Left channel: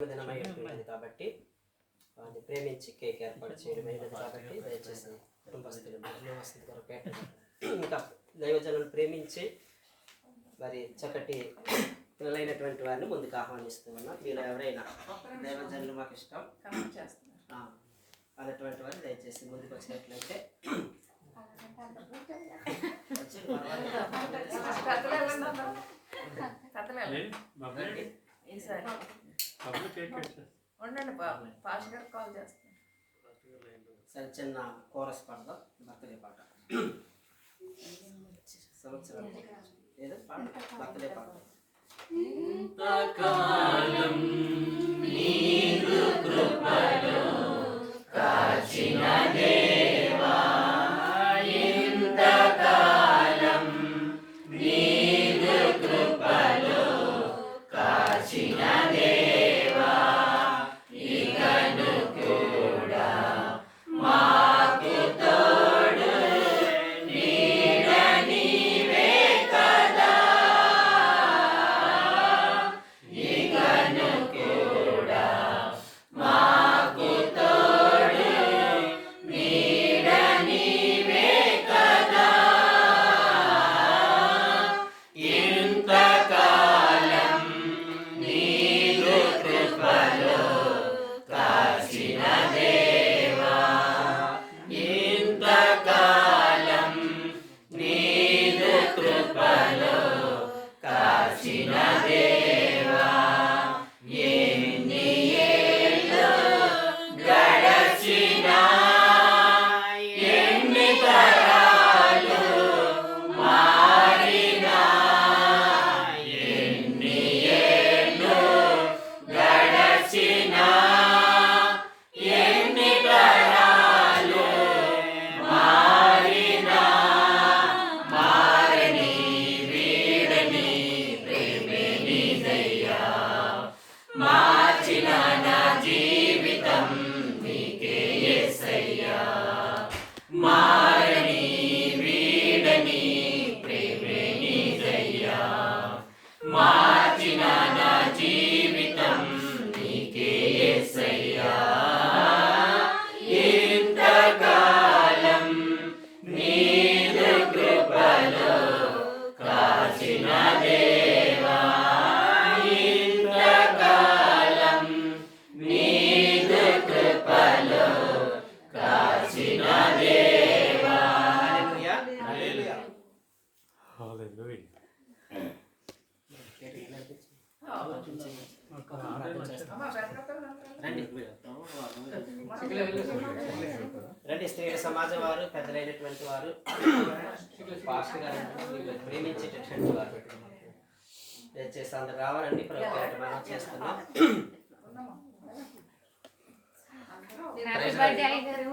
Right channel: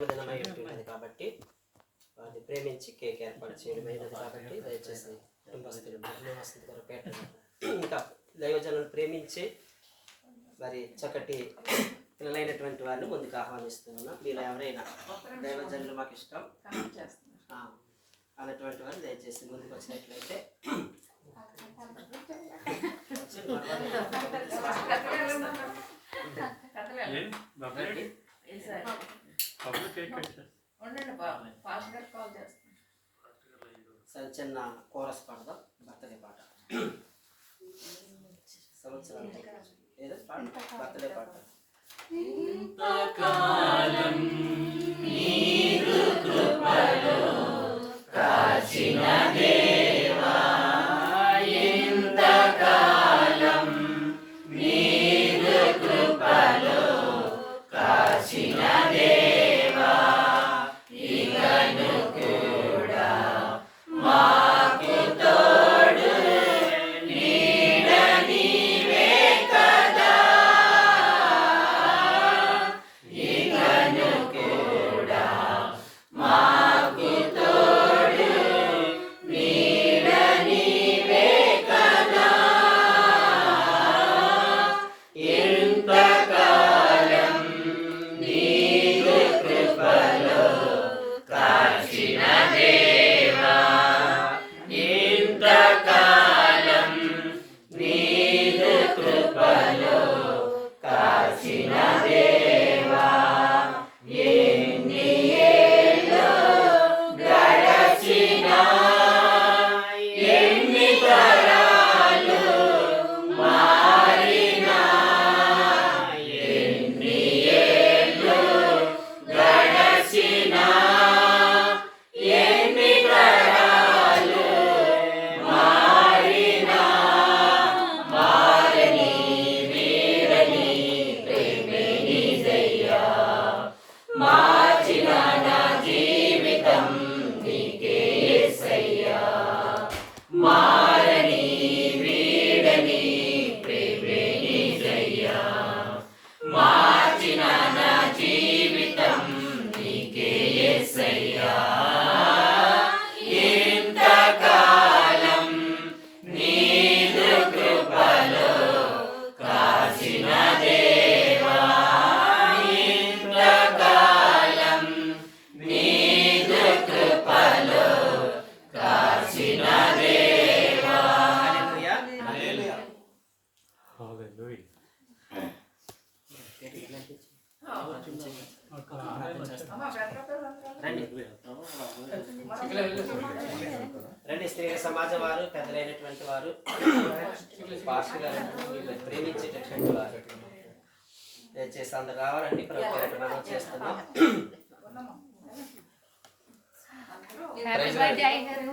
దినమై ఉంటున్నది కాబట్టి వారిని ప్రేమించి కేక్ ఏర్పాటు చేయడమైనది కాబట్టి దయచేసి కుటుంబస్తులు వస్తుంది కొరపేట ఇంకా దైవజనులు ప్రేమించి మరి చక్కటి పిల్లలైనటువంటి వారిని ముందుకు ఆహ్వానిస్తూ ఉన్నాం మీరు ఎవరైనా దైవజనులు మాకు ఇష్టం ఆ, అన్నటువంటి వారు దయచేసి ముందుకు వచ్చినట్లయితే వచ్చి పర్వాలేదు. ఉండండి బాబు కాల్ చేస్తాను సరే చిన్న కోరస్ పాడదాం బర్త్డే పాట. సంవత్సరం ఏదో పాట బర్త్డే పాట. హల్లెలూయా. రండి రండి స్త్రీ సమాజ వారు పెద్దలైనటువంటి వారు పాస్టర్ గారు ప్రేమించేటటువంటి వారు దయచేసి అందరు రావాలండి ప్రభుత్వం మనం చేస్తున్నాం హ్యాపీ బర్త్డే అయ్యారు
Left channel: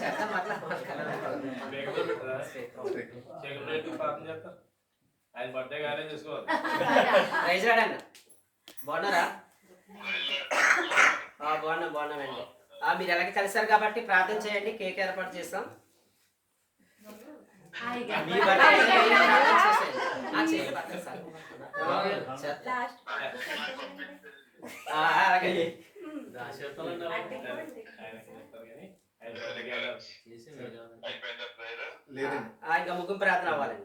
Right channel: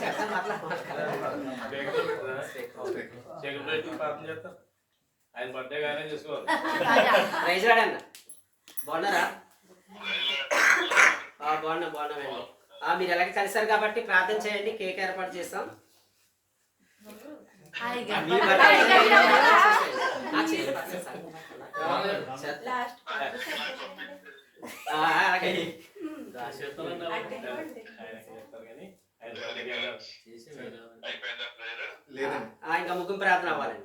చెప్తాం అట్లా చీకటి ప్రార్థన చేస్తారు ఆయన బర్త్డే గానే చూసుకోవాలి. ప్రైజ్ రాడన్న బాగున్నారా? ఆ, బాగున్నాం బాగున్నామండి. ఆ, మీరు ఎలాగ కలిసారు కాబట్టి ప్రార్థన చేయండి కేక్ ఏర్పాటు చేస్తాం. మీ బర్త్డే అయినా ప్రార్థన. ఆ, చేయండి, పర్లేదు సార్. చేద్దాం. ఆ, అలాగే ఆయన చేస్తారు కానీ ఆయన బర్త్డే గానే లేదండి ఆ, ఇంకా ముగ్గురు ప్రార్థన అవ్వాలండి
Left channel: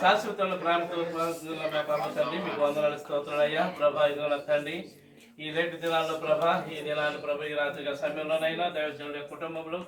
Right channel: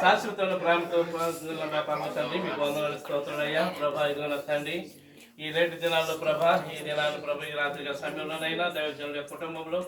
శాశ్వతంలో ప్రార్థన చేసుకుందాం వందనాలు. ప్రార్థన చేసుకుందాం తండ్రి మీకు వందనాలు స్తోత్రాలయ్యా ప్రభా ఇదిగోన తండ్రి. ఈ రెండు దినాల్లో ప్రభా ఈ దినాలు ప్రభా ఈ రాత్రి సమయంలోనైనా దైవజనుల కుటుంబంలో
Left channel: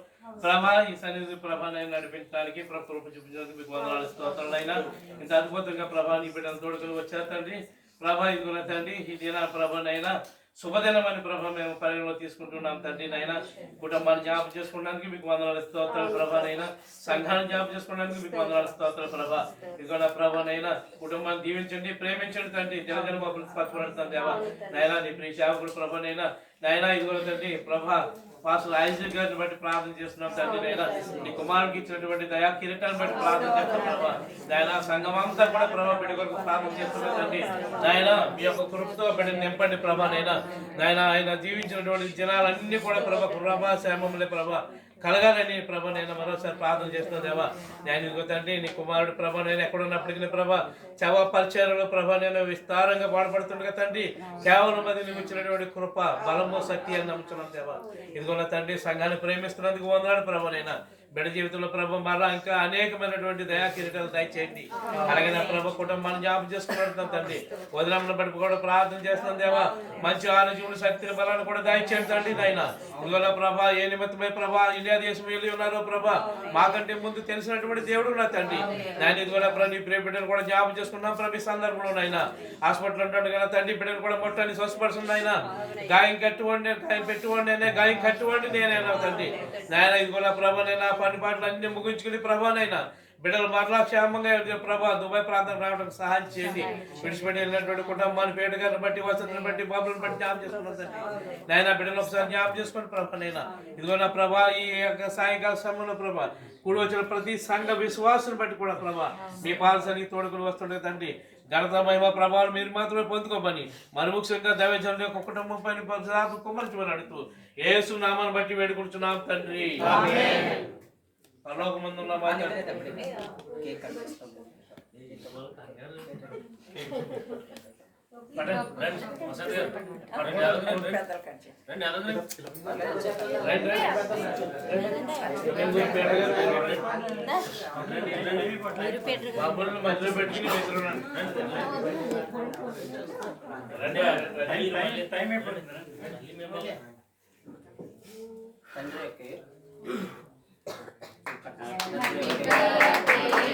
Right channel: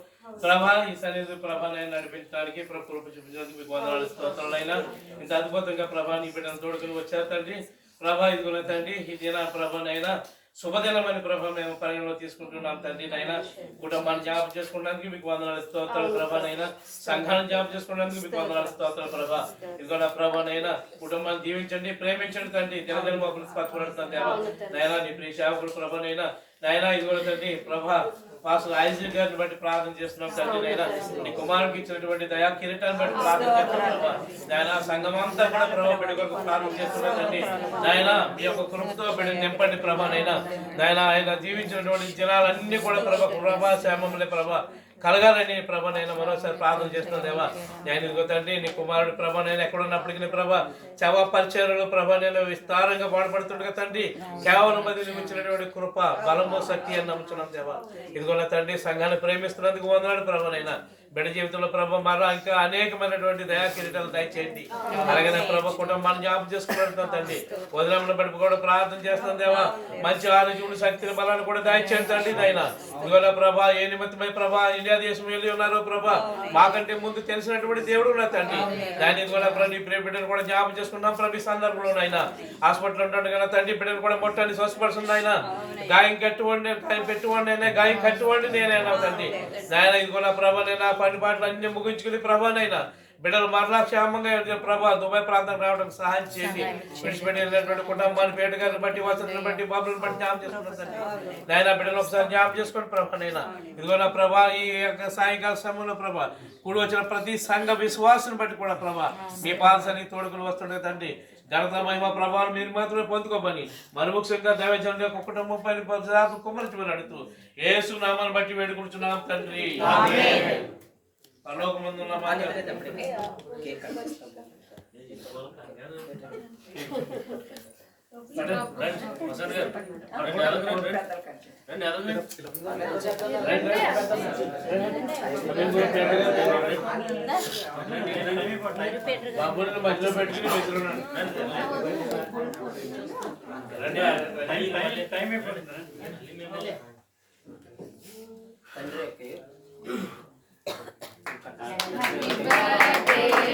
ప్రభా ఈ సన్నిధి ప్రభాని నడిపించడానికి ప్రభు చూపించడానికి మీకు వందనాలు స్తోత్రాలైనా ఇంత అద్భుతంగా ప్రభాని బిడ్డను తోడుకుని వచ్చారు తండ్రి. ప్రభా ఇదిగోన తండ్రి ఈ దిన ప్రభానైనా శుభదినమైన ప్రభా మేము పరిగణలో తీసుకుంటున్నాం తండ్రి నైనా కుటుంబాన్ని జ్ఞాపకం చేసుకోవడానికి మీకు వందనాలు స్తోత్రాలు ప్రభా నైనా సంఘాన్ని జ్ఞాపకం చేసుకోవడానికి మీకు వందనాలు స్తోత్రాలు ప్రభా. ఇదిగో నా ప్రభా నైనా కుటుంబాన్ని దీవించండి ప్రేమించండి తండ్రి. జనజన్మ బాబులు స్పష్టపడుతుంది దేవా. నైనా నీ ప్రియ సేవకుడు ప్రభా నైనా నైనా ఇదిగో తండ్రి ప్రభా పాస్ ఐజీ గారిని బట్టి ప్రార్థన చేస్తున్నాం తండ్రి నైనా నీ కుమారుడికి ఇచ్చినటువంటి దయా కిరీటాన్ని బట్టి ప్రార్థన చేస్తున్నాం ప్రభా. నాయన సంఘం అంతా కూడా ప్రభావ బిడ్డ కొరకు ప్రార్థన చేస్తున్నాం తండ్రి. నాయన మీ యొక్క కృపతో బిడ్డ నింపండి ప్రభా నైనా నాయన ఆయన జీవించినటువంటి జనాలన్నీ కూడా ప్రభా ప్రభా శ్యామములే ప్రభా. కలగాలని ప్రభ నేను మరోసారి ప్రార్థన చేస్తున్నా దేవా. నేను ఇదిగో తండ్రి నీ కుమారుడు ప్రభ నేను ఎక్కడున్నప్పటికీ ప్రభ చవ పరిచయలో ప్రభ నేను విస్తారంగా బాధపడుతుండగా తండ్రి కేవలం అది నిమించినటువంటి కృప బలము శక్తి అని నమ్ముచున్నాం దేవా. ఇదిగో నా తండ్రి సంఘాన్ని ప్రేమిస్తున్నందుకు వందనాడు ప్రభ నైనా బిడ్డ జీవితంలో ప్రభ మరలా ఇంకా అనేకమైనటువంటి దయా కిరీటాలు దయచేయండి. అలాగే నా ప్రభ కుటుంబాన్ని జ్ఞాపకం చేసుకున్నాడు తండ్రి. వదిలమ్మల బట్టి కూడా ప్రార్థన చేస్తాం దేవా. మంచి ఆరోగ్యముడు శక్తిని బలాన్ని కూడా దయచేయండి తండ్రి నాయన. ఇదిగో ప్రభా ఏ నిమిత్తమై ప్రభా ఇండియా దేశం వెళ్ళి ఉన్నారో ప్రభా మాకంటే ముందు తెలిసినటువంటి దేవుడు నా తండ్రి. దాని ఇదిగో ప్రభు నీ ప్రియ బిడ్డను కూడా జ్ఞాపకం చేసుకున్నాం ప్రభు ఈ సందర్భంలో నాయన. హాస్పిటల్ ఉంటాడు కదా తండ్రి బిడ్డను కూడా మొట్టని స్వస్థపరుస్తుంది ఆయన గాయం కట్టుకోండి గాయం పెట్టుకోండి గాయం కట్టుకోండి నేనే తండ్రి. నాయన ఇదిగో నా ప్రభా నేను పని పాటలు అన్ని ముగించుకుని ప్రభానైనా బిడ్డలు మరలా క్షేమంగా ప్రభా దుబాయ్ ప్రాంతం రావడానికి సహాయం చేయండి. విడిచిపెట్టి వెళ్ళినటువంటి కుటుంబాన్ని పేట గారిని బట్టి వసతిని బట్టి బాబులను బట్టి జ్ఞాపం చేసుకున్నాను తండ్రి. నాయన బిడ్డలు ఒకసారి జ్ఞాపం చేసుకోండి ప్రభా నైనా ఇదిగో నా ప్రభా ఈ యొక్క సాయంకాల సమయంలో ప్రభా కూడి వచ్చిన ప్రతి సంఘ విశ్వాసం బట్టి కూడా ప్రభా మీ పాలసని తోడుకుని వస్తుండే తండ్రి ఘనత మహిమ ప్రభావం మీరు మాత్రమే పొందుకోమని మరి ముఖ్యంగా దైవజనుల యొక్క కుటుంబం పైన కుమ్మరించమని అడుగుతూ ఏసు నామాన్ని బట్టి వేడుకుంటున్నాం తండ్రి. పరలోకమందు ఉన్న మా కేక్ కట్ చేస్తాం. బాబులను మధ్యలో పెట్టుకుని రండి. రండి, రండి.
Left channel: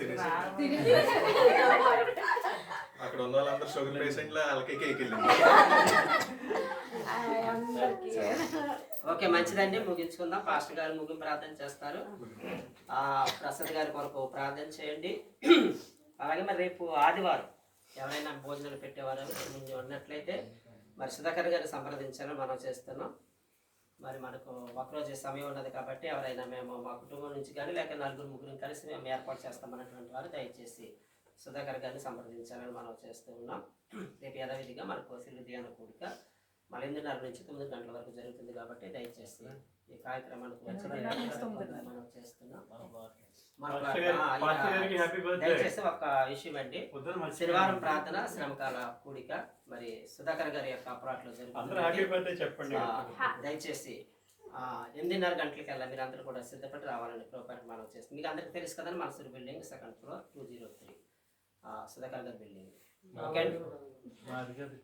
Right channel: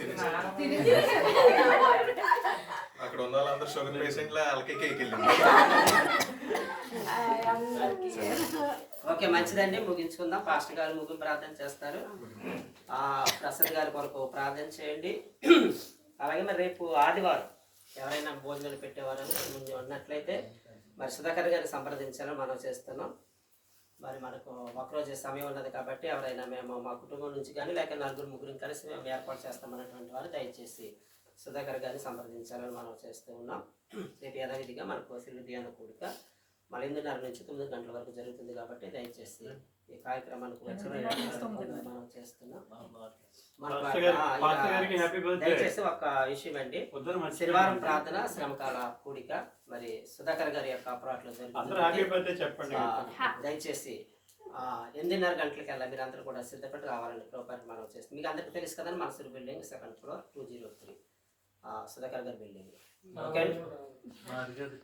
అక్కడ ఉన్న వాళ్ళందరూ షుగర్ పేషెంట్ల వాళ్ళకి కేక్ వెళ్ళింది. ఓకే మంచిదండి. ముగించుకుందాం. పాస్టర్ గారు ముగింపు ప్రార్థన చేస్తారు. ఆ, ప్రసాద్ గారి కొరకు ప్రార్థన చేయండి. అలాగే మరి రేపు ఆదివారం ఎవరైనా భోజనాలు పెట్టేవారు ముందు ఉన్నట్లయితే మరి సుధాకర్ గారిని సంప్రదించాలని మనం చేస్తున్నాం. మరి మనకు ఒకరోజు సమయం ఉన్నది కాబట్టి ఎవరైనా మేము మా కుటుంబం నుంచి కానీ లేక నలుగురు ముగ్గురు కలిసి మేము ఏర్పాటు చేస్తామన్నటువంటి వారు దయచేసి సుధాకర్ గారిని సంప్రదించాలని మనం చేస్తూ ఉన్నాం. రేపు యథావిధిగా మనకు సిల్లు ధ్యాన కూడిక మళ్ళీ నుంచి తొమ్మిది గంటల వరకు జరుగుతుంది కాబట్టి దయచేసి ఈ కార్యక్రమానికి మనం చేస్తున్నాం. దయచేసి ఒక విషయం అండి. శనివారం ప్రార్థన శ్రమకాల కూడిక మరి సుధాకర్ గారి యొక్క అప్రాట్లో చెప్పండి. దయచేసి ఆ, ఎనిమిదిన్నర గంటలకల్లా మీరు అందరూ కూడా సిద్ధపడి రావాలని ప్రోపర్ మనం చేస్తాం మీకు అందరికీ తెలుసు కదండి మనసూరు building second floor two zero three Sudhakar గారి బిల్డింగ్. ఓకే అండి.